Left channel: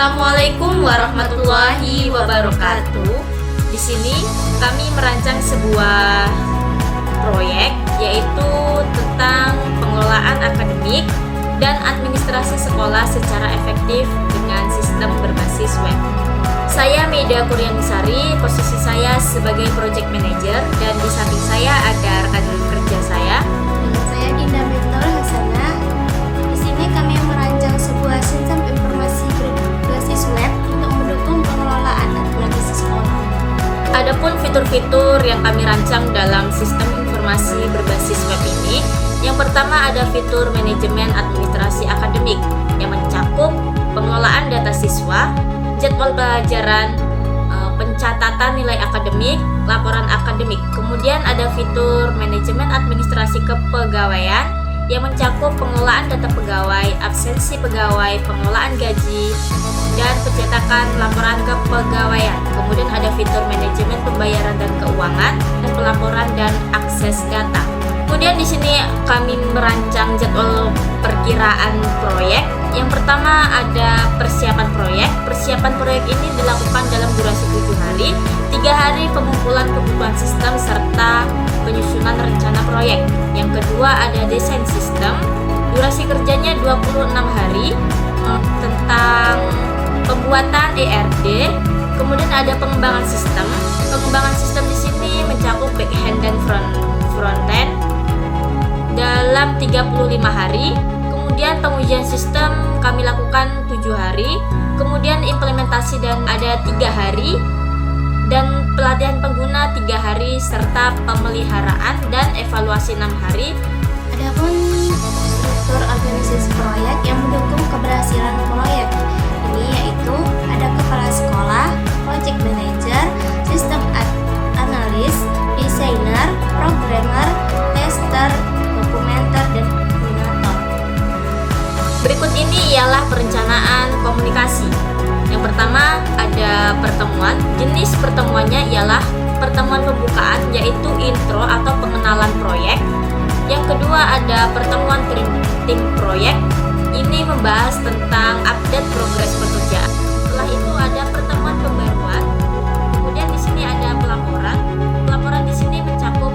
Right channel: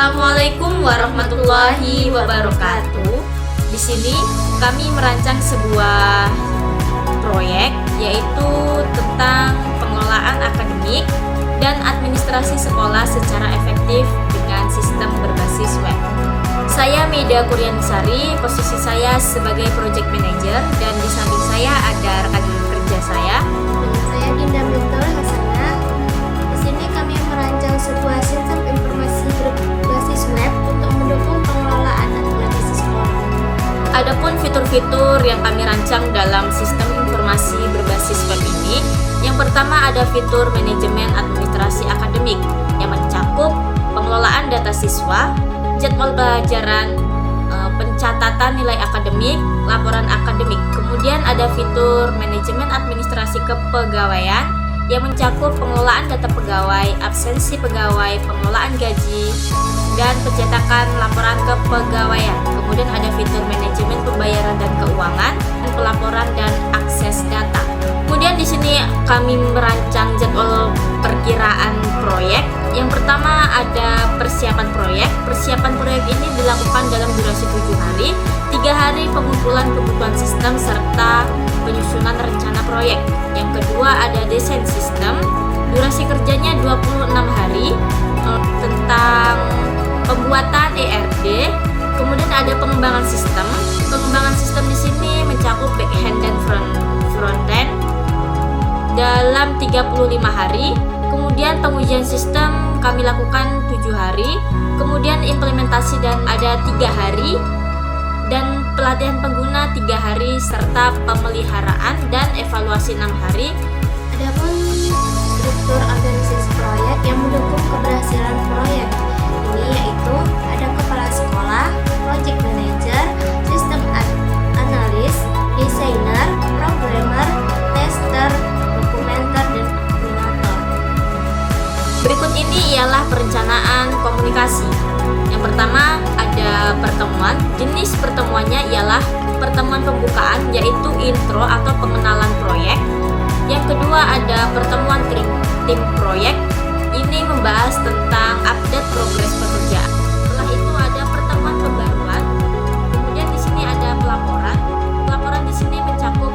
Assalamualaikum warahmatullahi wabarakatuh. Di sini kami merancang sebuah proyek yaitu tentang pengelolaan akademik dan administrasi sekolah secara efektif dengan sistem berbasis web. Saya Meida Kuryanisari, posisi saya sebagai project manager, dan di samping saya ada rekan kerja saya. Saya Dinda Mirta Hasana. Di sini kami merancang sebuah sistem informasi berbasis web untuk mendukung pengelolaan administrasi sekolah. Adapun fitur-fitur yang kami rancang dalam sistem informasi berbasis web ini, yang pertama ada fitur manajemen administrasi akademik yang mencakup pengelolaan data siswa, jadwal pelajaran, pencatatan nilai akademik, laporan akademik. Kemudian ada fitur manajemen administrasi kepegawaian yang mencakup pengelolaan data pegawai, absensi pegawai, pengelolaan gaji, dan pencetakan laporan kepegawaian. Kemudian ada fitur manajemen pembayaran dan keuangan, pelaporan dan akses data. Kemudian di sini kami merancang jadwal perkiraan proyek. Yang pertama ada persiapan proyek. Persiapan proyek ini dilakukan dalam durasi 7 hari, 3 hari pengumpulan kebutuhan sistem serta penyusunan rencana proyek. Yang kedua ada desain sistem. Durasi kerjanya 26 hari tentang pembuatan ERD. Kemudian ada pengembangan sistem. Pengembangan sistem di sini mencakup backhand dan frontend dalam 35 hari. Kemudian pengujian sistem kami lakukan 7 hari. Kemudian implementasi dan ada 3 hari. Dan pelatihan pengguna 3 hari serta pemeliharaan dan evaluasi 6 hari. Adapun struktur organisasi proyek yang mendukung keberhasilan proyek ini yaitu ada kepala sekolah, project manager, sistem analis, desainer, programmer, tester, dokumenter, dan koordinator. Berikut ini ialah perencanaan komunikasi. Yang pertama ada pertemuan. Jenis pertemuannya ialah pertemuan pembukaan yaitu intro atau pengenalan proyek. Yang kedua ada pertemuan tim proyek. Ini membahas tentang update progres pekerjaan. Setelah itu ada pertemuan pembaruan. Kemudian di sini ada pelaporan. Pelaporan di sini mencakup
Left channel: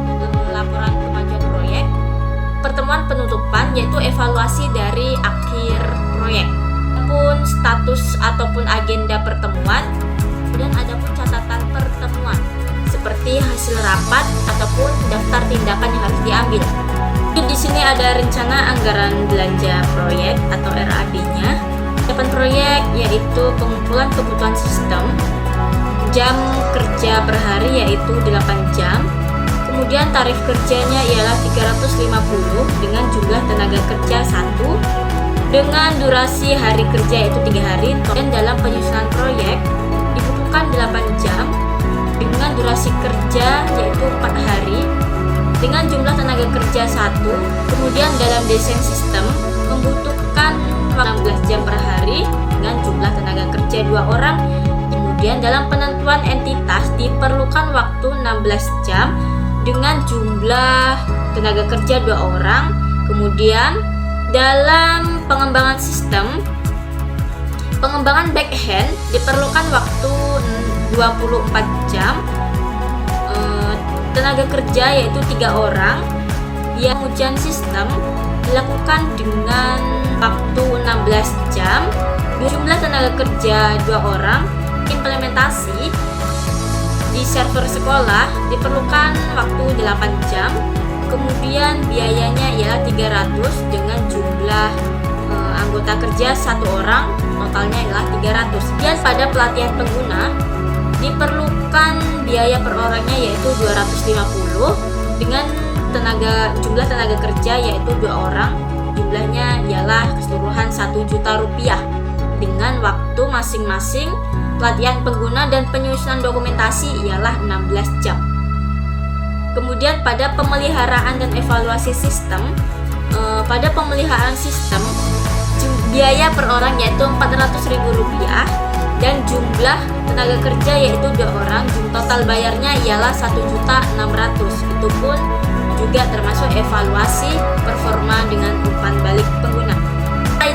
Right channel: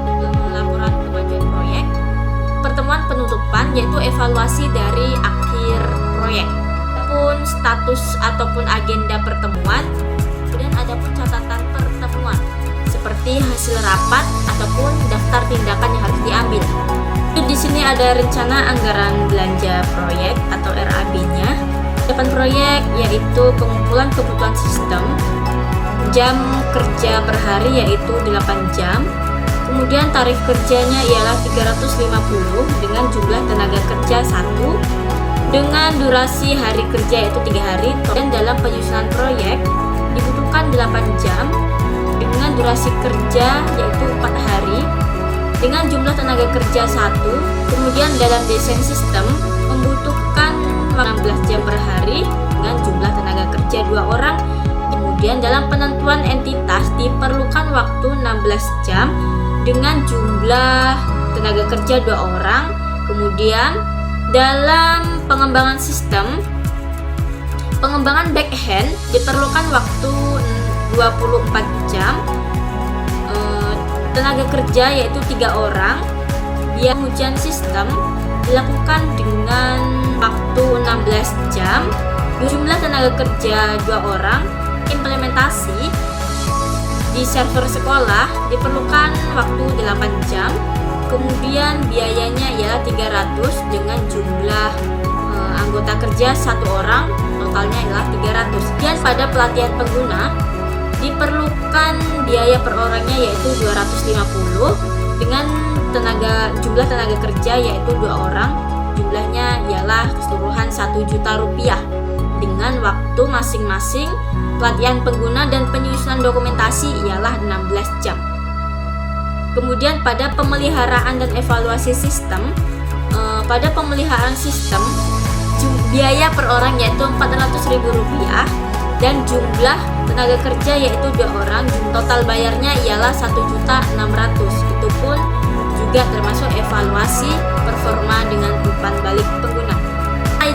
laporan kemajuan proyek. Pertemuan penutupan yaitu evaluasi dari akhir proyek. Adapun status ataupun agenda pertemuan. Kemudian ada pun catatan pertemuan seperti hasil rapat ataupun daftar tindakan yang harus diambil. Di sini ada rencana anggaran belanja proyek atau RAB-nya. Persiapan proyek yaitu pengumpulan kebutuhan sistem. Jam kerja per hari yaitu 8 jam. Kemudian tarif kerjanya ialah 350 dengan jumlah tenaga kerja 1 dengan durasi hari kerja yaitu 3 hari. Dan dalam penyusunan proyek dibutuhkan 8 jam dengan durasi kerja yaitu 4 hari dengan jumlah tenaga kerja 1. Kemudian dalam desain sistem membutuhkan 16 jam per hari dengan jumlah tenaga kerja 2 orang. Kemudian dalam penentuan entitas diperlukan waktu 16 jam dengan jumlah tenaga kerja 2 orang. Kemudian dalam pengembangan sistem, pengembangan backhand diperlukan waktu 24 jam. Tenaga kerja yaitu 3 orang. Yang ujian sistem dilakukan dengan waktu 16 jam. Jumlah tenaga kerja 2 orang. Implementasi di server sekolah diperlukan waktu 8 jam. Kemudian biayanya ialah 300 dengan jumlah anggota kerja 1 orang, totalnya ialah 300. Dan pada pelatihan pengguna diperlukan biaya per orangnya yaitu 250 dengan jumlah tenaga kerja yaitu 2 orang, jumlahnya ialah keseluruhan 1 juta rupiah dengan waktu masing-masing pelatihan pengguna dan penyusunan dokumentasi ialah 16 jam. Kemudian pada pemeliharaan dan evaluasi sistem, pada pemeliharaan sistem biaya per orang yaitu Rp400.000 dan jumlah tenaga kerja yaitu 2 orang. Total bayarnya ialah 1.600.000. Itu pun juga termasuk evaluasi performa dengan umpan balik pengguna.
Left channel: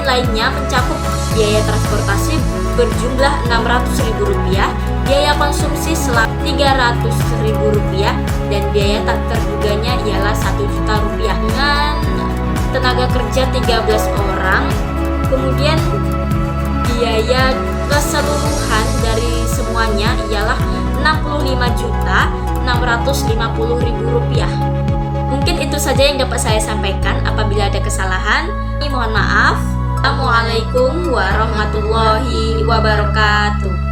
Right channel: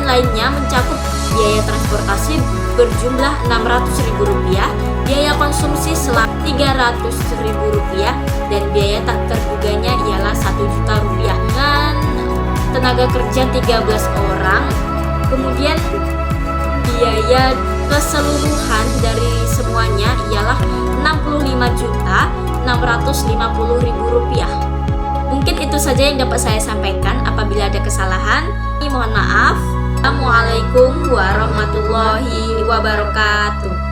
Kemudian lainnya mencakup biaya transportasi berjumlah Rp600.000, biaya konsumsi selama Rp300.000, dan biaya tak terduganya ialah Rp1 juta dengan tenaga kerja 13 orang. Kemudian biaya keseluruhan dari semuanya ialah Rp65.650.000. Mungkin itu saja yang dapat saya sampaikan. Apabila ada kesalahan, mohon maaf. Assalamualaikum warahmatullahi wabarakatuh.